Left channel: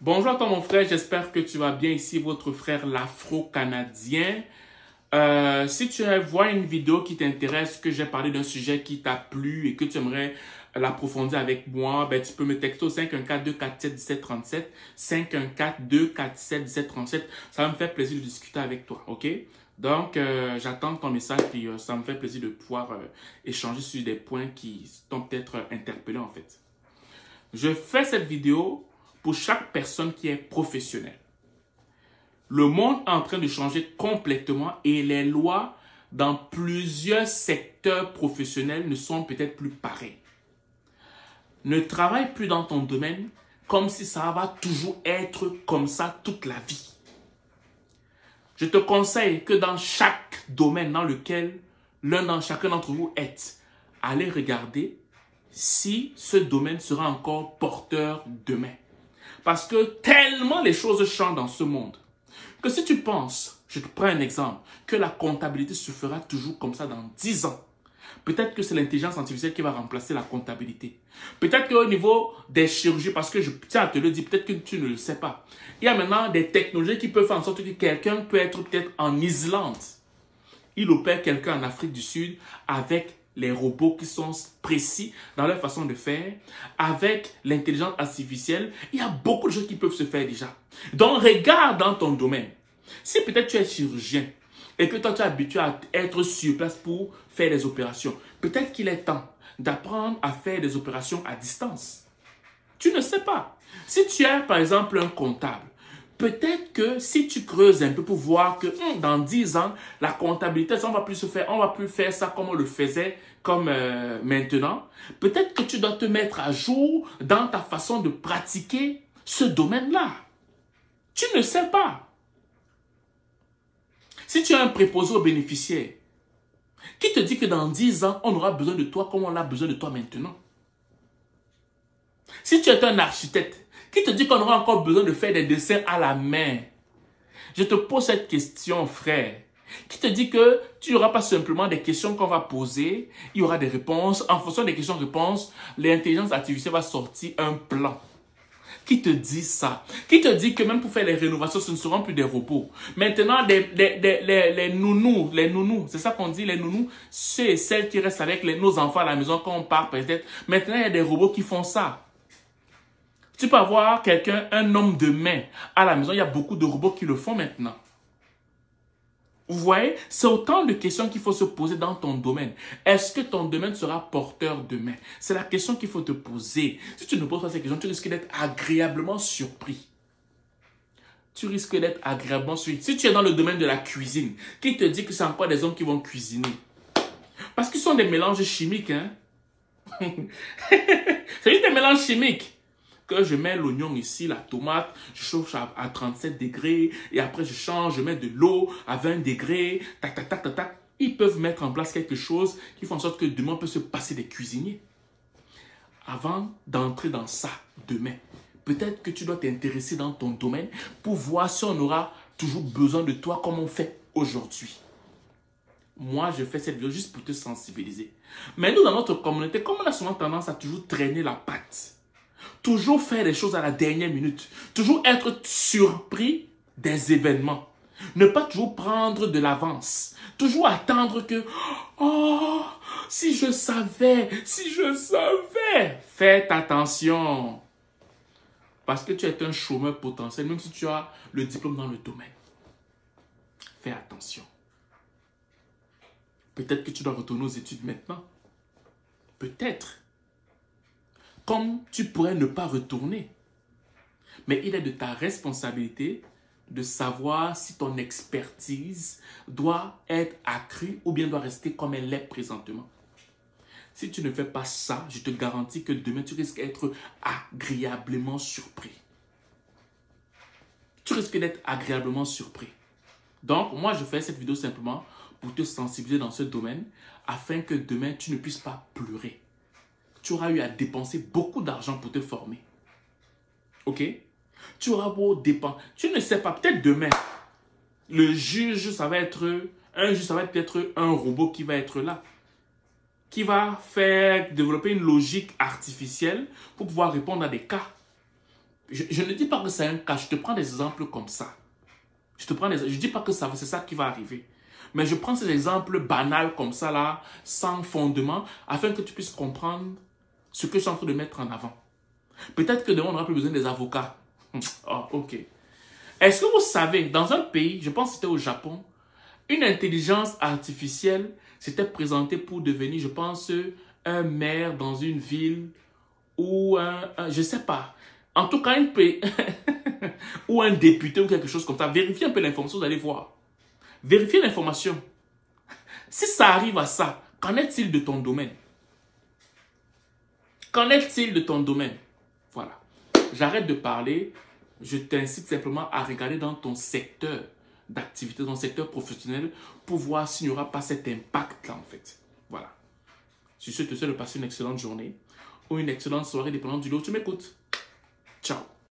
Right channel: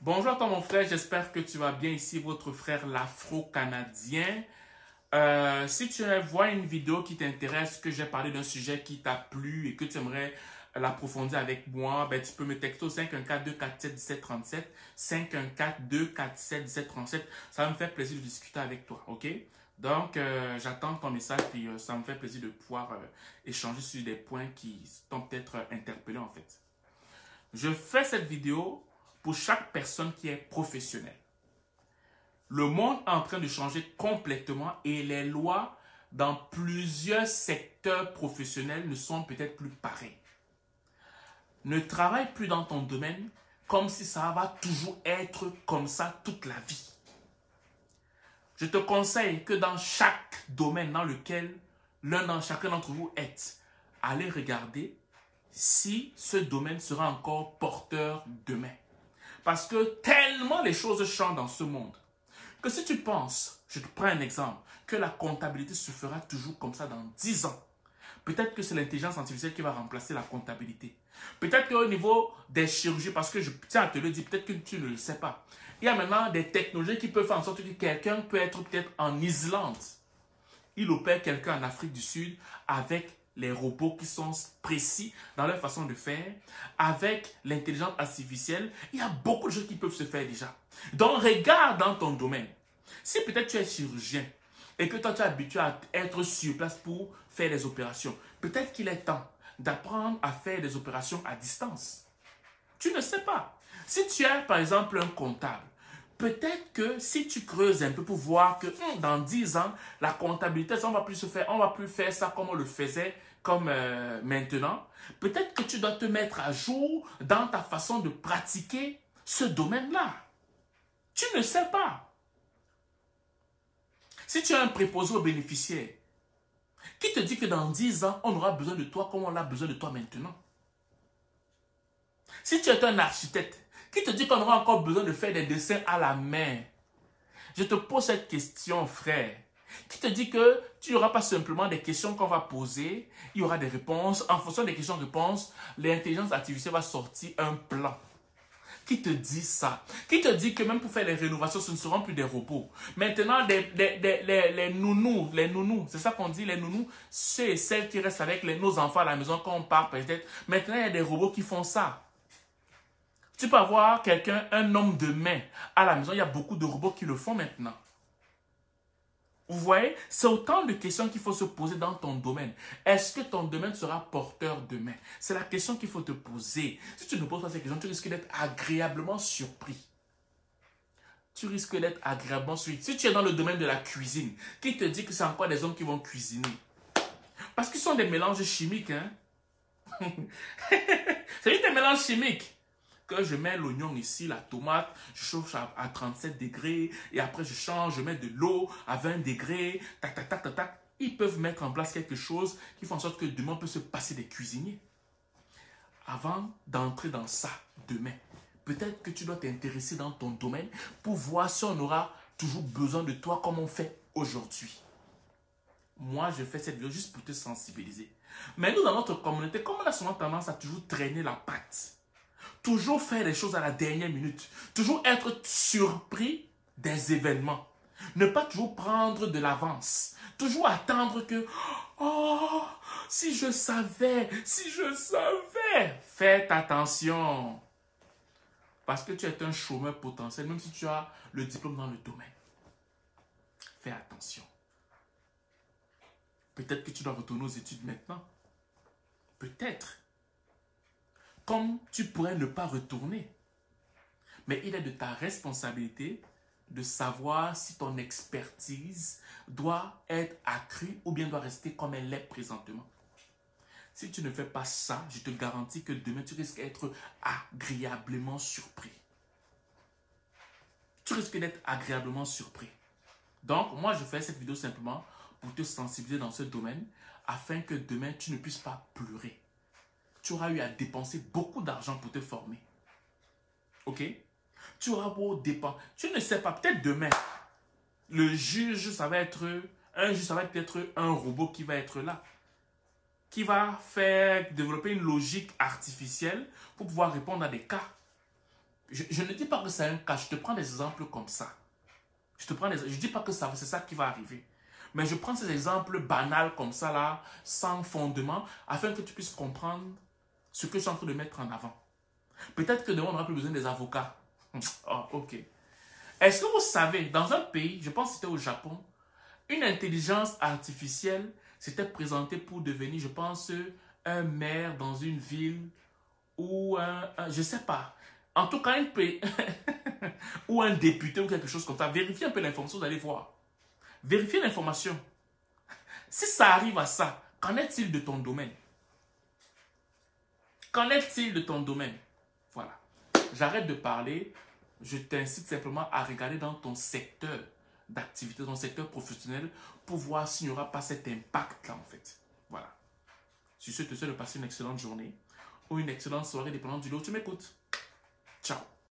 Bonjour à toi mon frère, j'espère que tu vas bien. Ici votre frère l'Afro-Canadien. Si tu vois une vidéo qui t'intéresse, que j'ai parlé d'un sujet qui t'a plu et que tu aimerais l'approfondir avec moi, ben, tu peux me texter au 514-247-1737, 514-247-1737. Ça va me faire plaisir de discuter avec toi, ok? Donc, j'attends ton message et ça me fait plaisir de pouvoir échanger sur des points qui t'ont peut-être interpellé en fait. Je fais cette vidéo pour chaque personne qui est professionnelle. Le monde est en train de changer complètement et les lois dans plusieurs secteurs professionnels ne sont peut-être plus pareilles. Ne travaille plus dans ton domaine comme si ça va toujours être comme ça toute la vie. Je te conseille que dans chaque domaine dans lequel chacun d'entre vous est, allez regarder si ce domaine sera encore porteur demain. Parce que tellement les choses changent dans ce monde que si tu penses, je te prends un exemple, que la comptabilité se fera toujours comme ça dans 10 ans, peut-être que c'est l'intelligence artificielle qui va remplacer la comptabilité. Peut-être qu'au niveau des chirurgies, parce que je tiens à te le dire, peut-être que tu ne le sais pas, il y a maintenant des technologies qui peuvent faire en sorte que quelqu'un peut être peut-être en Islande. Il opère quelqu'un en Afrique du Sud avec les robots qui sont précis dans leur façon de faire, avec l'intelligence artificielle. Il y a beaucoup de choses qui peuvent se faire déjà. Donc, regarde dans ton domaine. Si peut-être tu es chirurgien et que toi, tu es habitué à être sur place pour faire des opérations, peut-être qu'il est temps d'apprendre à faire des opérations à distance. Tu ne sais pas. Si tu es, par exemple, un comptable, peut-être que si tu creuses un peu pour voir que dans 10 ans, la comptabilité, ça, on va plus faire ça comme on le faisait comme maintenant. Peut-être que tu dois te mettre à jour dans ta façon de pratiquer ce domaine-là. Tu ne sais pas. Si tu as un préposé aux bénéficiaires, qui te dit que dans 10 ans, on aura besoin de toi comme on a besoin de toi maintenant? Si tu es un architecte, qui te dit qu'on aura encore besoin de faire des dessins à la main? Je te pose cette question, frère. Qui te dit que tu n'auras pas simplement des questions qu'on va poser, il y aura des réponses. En fonction des questions-réponses, l'intelligence artificielle va sortir un plan. Qui te dit ça? Qui te dit que même pour faire les rénovations, ce ne seront plus des robots? Maintenant, les nounous, c'est ça qu'on dit, les nounous, ceux et celles qui restent avec nos enfants à la maison quand on part peut-être. Maintenant, il y a des robots qui font ça. Tu peux avoir quelqu'un, un homme de main à la maison. Il y a beaucoup de robots qui le font maintenant. Vous voyez, c'est autant de questions qu'il faut se poser dans ton domaine. Est-ce que ton domaine sera porteur demain? C'est la question qu'il faut te poser. Si tu ne poses pas ces questions, tu risques d'être agréablement surpris. Tu risques d'être agréablement surpris. Si tu es dans le domaine de la cuisine, qui te dit que c'est encore des hommes qui vont cuisiner? Parce qu'ils sont des mélanges chimiques. Hein? C'est juste des mélanges chimiques. Que je mets l'oignon ici, la tomate, je chauffe à 37 degrés et après je change, je mets de l'eau à 20 degrés, tac, tac, tac, tac, tac. Ils peuvent mettre en place quelque chose qui fait en sorte que demain on peut se passer des cuisiniers. Avant d'entrer dans ça demain, peut-être que tu dois t'intéresser dans ton domaine pour voir si on aura toujours besoin de toi comme on fait aujourd'hui. Moi, je fais cette vidéo juste pour te sensibiliser. Mais nous, dans notre communauté, comme on a souvent tendance à toujours traîner la patte, toujours faire les choses à la dernière minute. Toujours être surpris des événements. Ne pas toujours prendre de l'avance. Toujours attendre que, oh, si je savais, si je savais. Faites attention. Parce que tu es un chômeur potentiel, même si tu as le diplôme dans le domaine. Fais attention. Peut-être que tu dois retourner aux études maintenant. Peut-être. Comme tu pourrais ne pas retourner. Mais il est de ta responsabilité de savoir si ton expertise doit être accrue ou bien doit rester comme elle est présentement. Si tu ne fais pas ça, je te garantis que demain, tu risques d'être agréablement surpris. Tu risques d'être agréablement surpris. Donc, moi, je fais cette vidéo simplement pour te sensibiliser dans ce domaine afin que demain, tu ne puisses pas pleurer. Tu auras eu à dépenser beaucoup d'argent pour te former. Ok? Tu auras beau dépenser. Tu ne sais pas, peut-être demain, le juge, ça va être peut-être un robot qui va être là. Qui va développer une logique artificielle pour pouvoir répondre à des cas. Je ne dis pas que c'est un cas, je te prends des exemples comme ça. Je ne dis pas que c'est ça qui va arriver. Mais je prends ces exemples banals comme ça, là, sans fondement, afin que tu puisses comprendre ce que je suis en train de mettre en avant. Peut-être que demain, on n'aura plus besoin des avocats. Oh, ok. Est-ce que vous savez, dans un pays, je pense que c'était au Japon, une intelligence artificielle s'était présentée pour devenir, je pense, un maire dans une ville ou je ne sais pas. En tout cas, ou un député ou quelque chose comme ça. Vérifiez un peu l'information, vous allez voir. Vérifiez l'information. Si ça arrive à ça, qu'en est-il de ton domaine? Qu'en est-il de ton domaine? Voilà. J'arrête de parler. Je t'incite simplement à regarder dans ton secteur d'activité, dans ton secteur professionnel, pour voir s'il n'y aura pas cet impact-là, en fait. Voilà. Sur ce, je te souhaite de passer une excellente journée ou une excellente soirée, dépendant du lieu où tu m'écoutes. Ciao.